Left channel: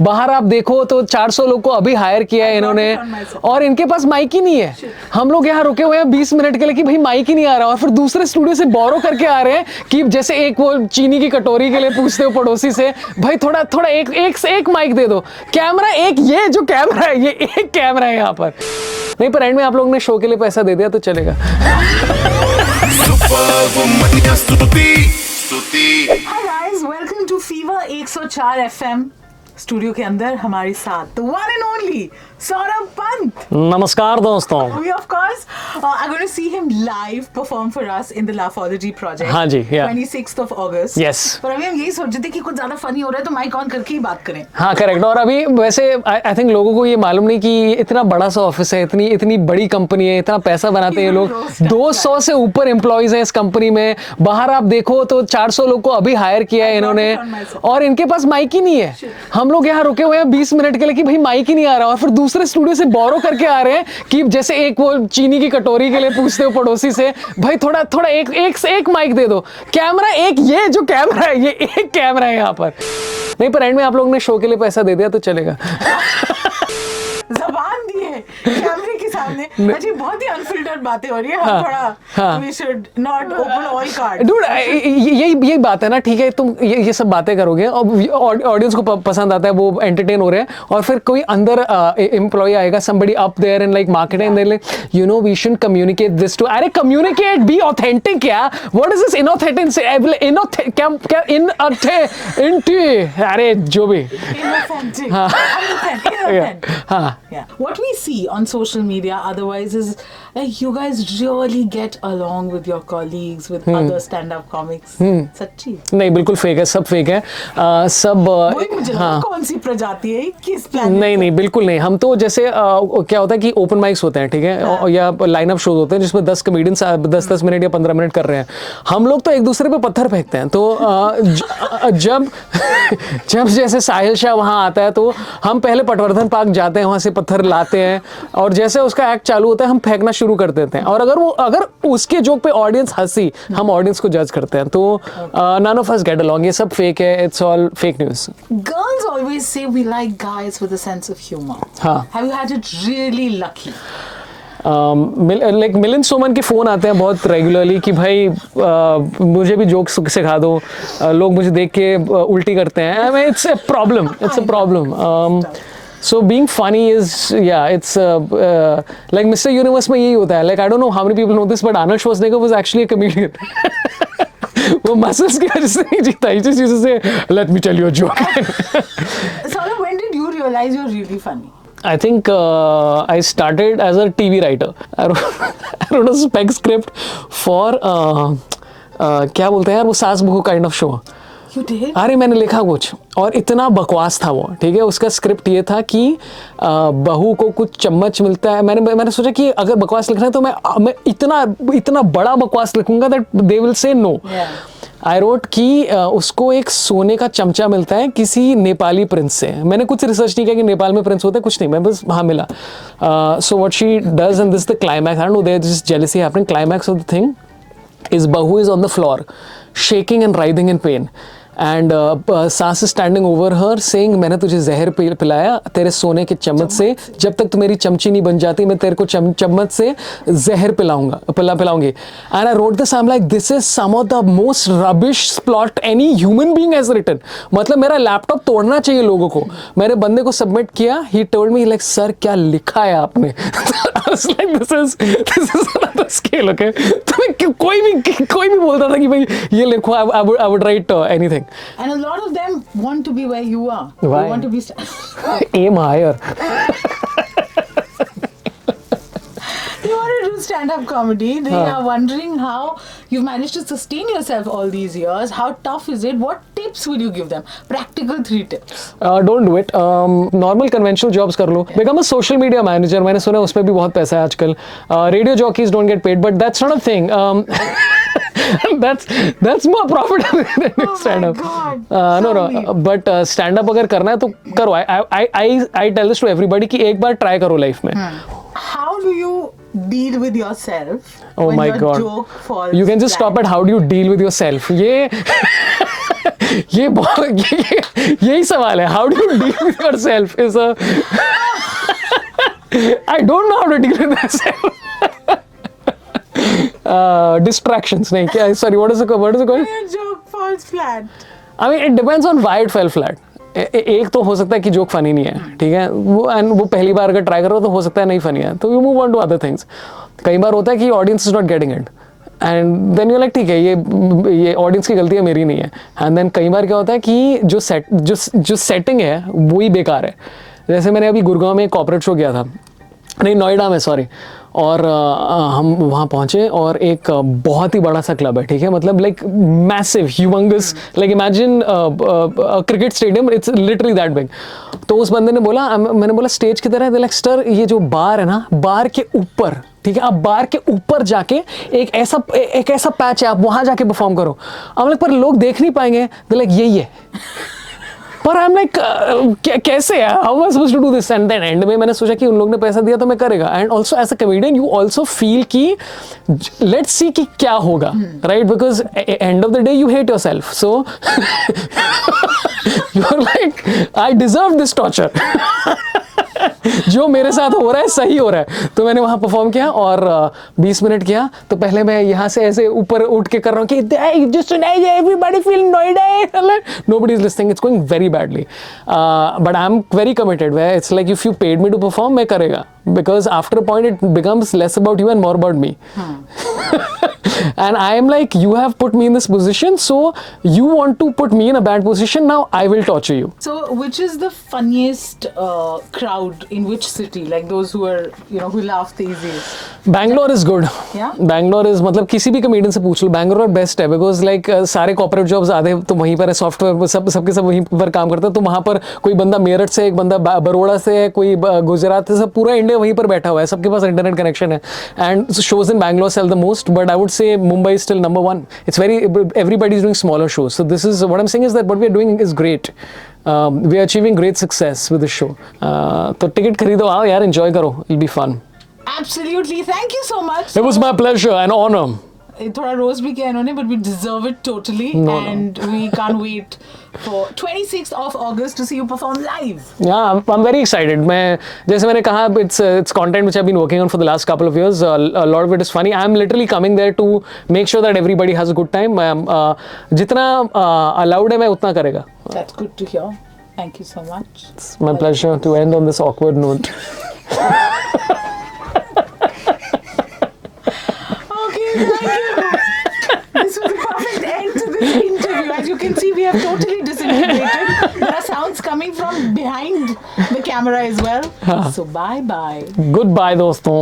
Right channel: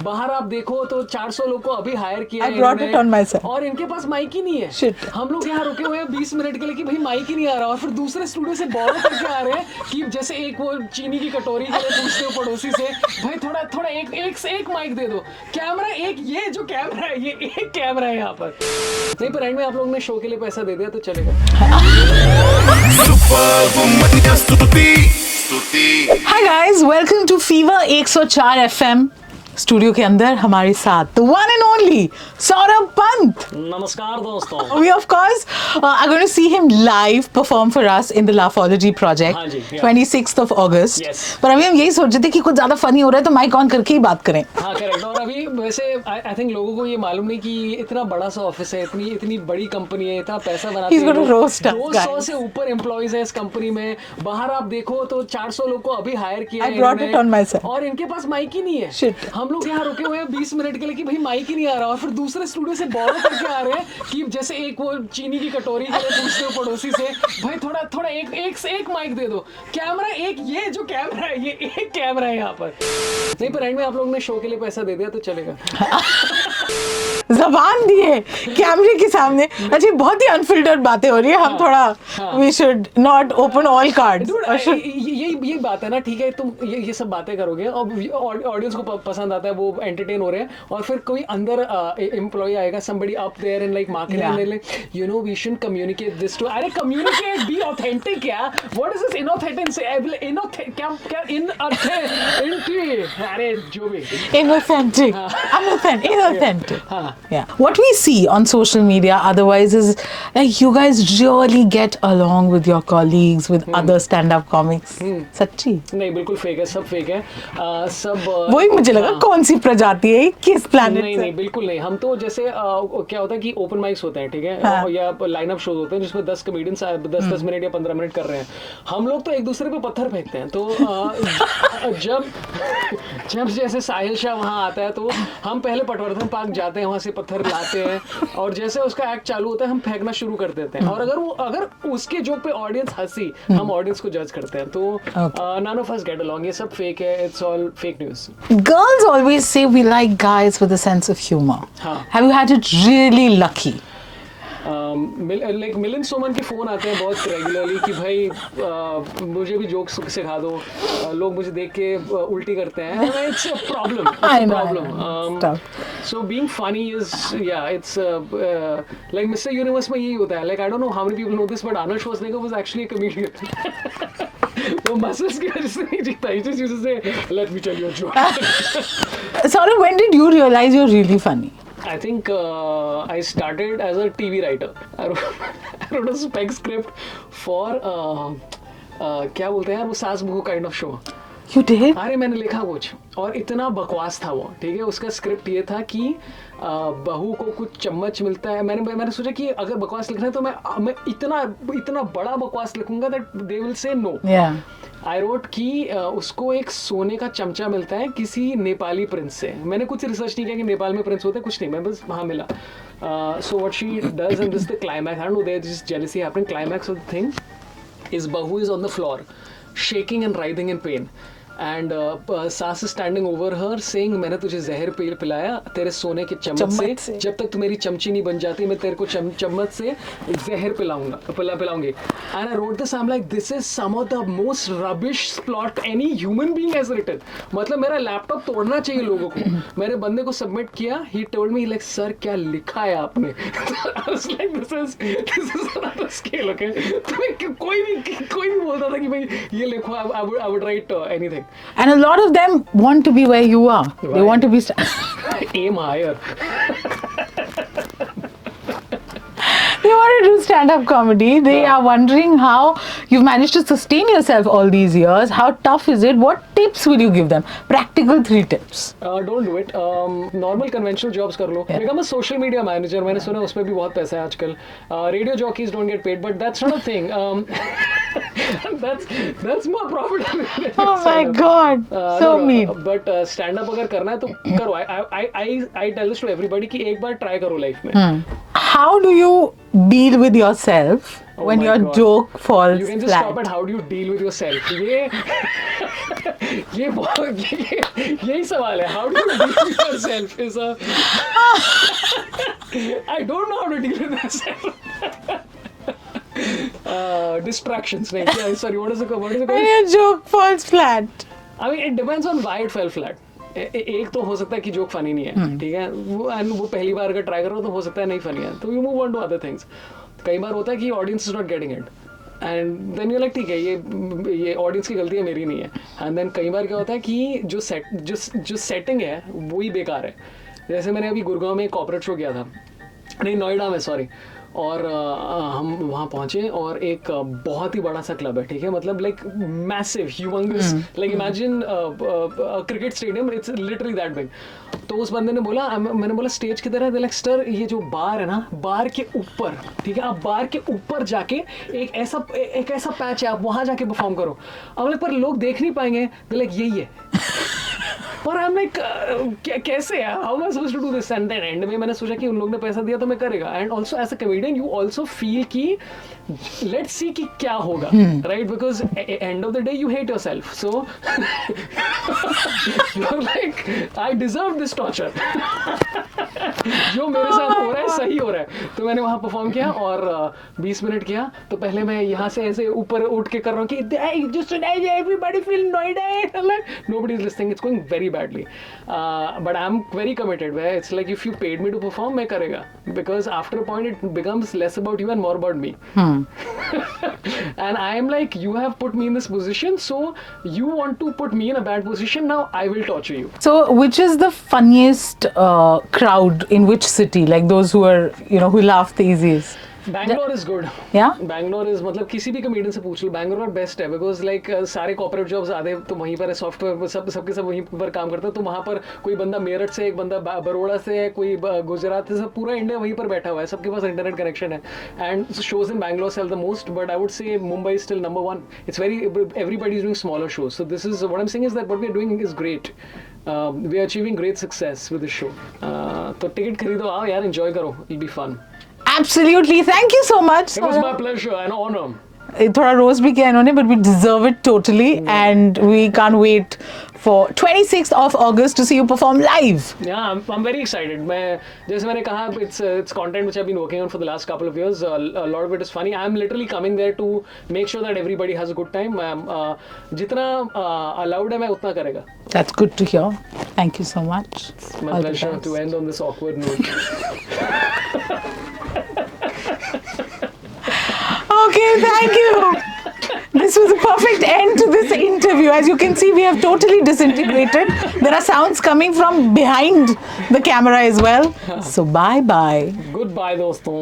बाहर आप देखो तो 400 लोग को अभी हायर किया है इन्होंने, और इनके पास माइक ही नहीं है। हम लोग यहाँ रुके हुए हैं 20 मिनट के लिए कि भाई माइक ही नहीं आ रहा, और फिर दूसरे स्टूडियो से बोरो करके आ रहे हैं कि जैसे एक वो चीनी की कटोरी के लिए पूछते हो पड़ोसी से, भाई थोड़ा थोड़ा एक माइक दे दो, कैमरा एक, ये जो कैमरा है ये एक कैमरा है यहाँ पर नहीं, पर एंड में आप लोगों ने शो के लिए पैसा दे दिया तो चलेगा। Hi guys, welcome to Fever 104 FM. Studio के अंदर हमारे साथ the one and only Saurabh Pant. नमस्कार दोस्तों. We of course are going to see him live perform for us in the Laughology project. हाँ जी, yeah. 26th of August. Yes. पर अभी हम यही सोच रहे थे कि कुछ ज्यादा फनी हो रहा है तो माइक ऑन करके ही बात करें. हाँ करेक्ट. और अभी वैसे आई थिंक लोगों को ये मालूम नहीं कि इतना बड़ा सा ऑफिस है, इतनी बड़ी कंपनी है, इतना पैसा बनाते हैं लोग, 200 से ऊपर एम्प्लॉइज है इस कंपनी में. बाहर आप देखो तो 400 लोग को अभी हायर किया है इन्होंने, और इनके पास माइक ही नहीं है. हम लोग यहाँ रुके हुए हैं 20 मिनट के लिए कि भाई माइक ही नहीं आ रहा, और फिर दूसरे स्टूडियो से बोरो करके आ रहे हैं कि जैसे एक वो चीनी की कटोरी के लिए पूछते हो पड़ोसी से, भाई थोड़ा थोड़ा एक माइक दे दो, कैमरा एक, ये जो कैमरा है ये एक कैमरा है यहाँ पर नहीं, पर एंड में आप लोगों ने शो के लिए पैसा दे दिया तो चलेगा. जबान दिए कैमरे के सामने. अच्छा, बहुत ही अनफिल्टर्ड बातें हो रही है. हम थोड़ा we should not open all cards. Dude, यही बात है ना. ठीक है, तुम ये सब बातें करोगे और ऑडियंस को पसंद आता है, वो एंटरटेन हो रहे हैं, और फिर कोई अंदर एम्प्लॉय आएगा, somebody up there in like marketing, they're like, you know, we shouldn't communicate this to. अरे communicate, be authentic यार. What is this inauthentic? अरे जो भी. Inauthentic. Yeah. What we see on social media otherwise is like you guys really get along with your colleagues, with other stand-up comics. सच्ची? नहीं, बिल्कुल fake है, सब fake है. सब वही मुझे लगा कौन सी प्रजाति है, किस प्लान? नहीं, बिल्कुल नहीं. हम तो जैसे क्या होता है कि ओपन माइक्स होते हैं, ठीक है, या लाइनअप शोज होते हैं जिसमें 10 कॉमेडियंस 10 मिनट या 15 मिनट कर रहे हैं. हम लोग तो एक दूसरे पे पत्थर फेंकते हैं. तो जब जैसे साहिल शाह वहाँ आता है तो हम पहले पटवर्धन पार्क जाते हैं, वहाँ से पत्थर लाते हैं, और जैसे उसका एक्ट चालू होता है हम फेंकना शुरू कर देते हैं, और अगर उसके जोक पे ऑडियंस हंसी, हम ऑडियंस को जज करते हैं. तो none of us get along. ये सब फेक है. It's all fake news. Girls always say we like guys with a sense of humor. हाँ. Have you had it really lucky? Like Milind Soman के फोन आते हैं बहुत रेगुलरली कि भाई मुझे भी जोक्स सिखा दो. लोग मुझे देख के उल्टी करते हैं. It's a problem. So being funny is, it's like Mr. Universe में यही होता है. Like I don't know how many people know this, but Arnold Schwarzenegger was actually a comedian. वो muscles की वजह से नहीं जीता. He just used to say, "Let me tell you a joke." Sorry, when did you realize you're really funny? I think I started as a TV writer. I wrote a spec script for क्या बोलते हैं यार, वो सास बहू kind of show. You did? अरे मैंने लिखा कुछ, और इतना बकवास था वो. ठीक है, उसका स्क्रिप्ट ये था कि बहू को कुछ चम्मच मिलता है. मैंने सोचा कि अगर बकवास लिखना है तो मैं इतना बड़ा बकवास लिखूंगा that they will say no. I wrote कि उसको एक सोने का चमचा मिलता है किसी नेपाली प्रिंस से. मैंने कुछ रिसर्च नहीं किया कि नेपाल में प्रिंस होते, कुछ नहीं, मैं बस वहाँ मिला. So what she does and this the climax. I don't know, there is just jealousy happening. Climax of the thing is बहू is on the floor shaking and writhing in pain, and सास is standing over her saying, मैंने तुझे जहर पिलाया तेरे सोने के चम्मच से, जब तक तू मेरी चमची नहीं बन जाती मैं तेरे को चम्मच से जहर पिलाऊंगी. And I wrote this, I'm like, this is some of the most rubbish plot any human being has written. मतलब मेरा लैपटॉप तोड़ना चाहिए लोगों को. मैंने बंदे को सबमिट किया. He told me like, sir क्या लिखा है आपने? I was like, this is another scale, okay? तो कोई भी बोलता था कि भाई ये लिखो, I would write anything. And a lot of them want to be where you are. Why? They want to be aim higher. They want to do stand-up comedy. They are wondering how you've managed to sustain yourself all these years. How tough is it? What tips will you give them? Practical 3 tips. Don't do it. Normal conventional jobs कर लो. Become a social media manager. मैंने सुना उस पे भी बहुत पैसा है आजकल. Radio jockeys don't get paid, but that's not a thing. That's more profitable than Oh my God. No. But stand-up अगर करना है तो करो. I tell this to everybody कि एक बार try करो life में. How do you deal with yourself when your joke falls You can just flat? stop at how do you deal with yourself. ये ये यही सवाल है, how do you deal with yourself is a I don't know how to deal with my self. Distractions नहीं क्या, sorry, what is it called? Your joke falls flat. I mean, it depends on why it fell flat. एक तो हो सकता है कि joke funny नहीं है, ठीक है, वो पहली बार अगर ट्राई करो तो हो सकता है नहीं फनी है, तो you move on to other things. कई बार होता है कि audience is not getting it and then you like ठीक है ये ऑडियंस की गलती है, मेरी नहीं है. एंड देन कई बार क्या होता है कि जो सेटिंग है वही बेकार है. जैसे मैंने अभी गुड़गांव में एक कॉर्पोरेट शो किया था, नहीं नोएडा में, सॉरी, और हम वहाँ पहुँचे और एक बहुत ही बड़ा सा क्लब है, ठीक है, मतलब like massive humongous, like imagine cricket stadium, it's literally that big. तो उस बंदे ने बोला, मैंने बोला स्टेज की तरह, लाइक सर ये जो बार है ना, बार के ऊपर, ठीक है, आप बार के ऊपर जाके एक ऐसा पैच है, आप वहाँ जाके परफॉर्म करो. अब लाइक पर लोग देख नहीं पाएंगे, लाइक यही है. पर आई एम लाइक कैसे यार, how I supposed to do this. And then end में मैंने सोचा कि उन लोगों ने पैसा दिया तो मैं करेगा. And also as a comedian you also feel कि लेट्स सी कि क्या होगा, right, because end of the day you hate your self, so you are like I deserve this torture. जो मेरे साथ हो रहा है सही हो रहा है. तो मैंने वहां परफॉर्म किया और 20 मिनट किया. तो पहले मैं यहाँ से ऐसे ऊपर उठ के कर रहा हूँ कि just tonight everybody feel Noida, nobody is listening, it's going very badly, but I'm very committed, where it's like if you paid me to perform मैं करेगा, because after a point it becomes less about you and more about me. And I am like, you have put me in this position, so you want to put me in a bad position, now I will torture you. So, which is the funniest crowd in which city? Like those who are, who laugh the easiest? Bangalore is good. Yeah? Bangalore is, मतलब किसी भी comedian से पूछ लो, Bangalore best है, because like सारे corporate jobs आधे तो वहीं पर है, सॉफ्टवेयर सबके सब वहीं पर काम करते हैं. तो वहाँ पर कोई बंदा मेरठ से, एक बंदा बड़ौदा से है, कोई गुजरात से, सब पूरा इंडिया वहीं पर बैठा हुआ है, सबके पास इंटरनेट कनेक्शन है. And shows in Bangalore sell the most, but I would say Mumbai still number 1. It's very, everybody is doing smaller shows. So this is what I am saying is that what we are doing is great. We are achieving great success with this show. तो ticket खरीदो, आओ यार, enjoy करो, it be fun. Absolutely. Thank you so much. It was my pleasure and honor. थोड़ा roast भी किया इन्होंने, but we deserve it totally, and we can't wait for 26th of August to see you perform live. Yeah, I'm very excited. मैं जैसे मैंने कहा, it's content which I've been working on for the last couple of years. A lot of it is funny. I'm literally coming there to make sure that everybody has a good time. जितना allowed है मैं उतना करेगा. That's good to hear. Thank you so much. It's my pleasure to end on this awkward note. Okay, thank you. This was a perfect end to this interview. As you can see, we have totally disintegrated. There are sounds coming from behind the camera as well. So bye-bye. Goodbye, दोस्तों.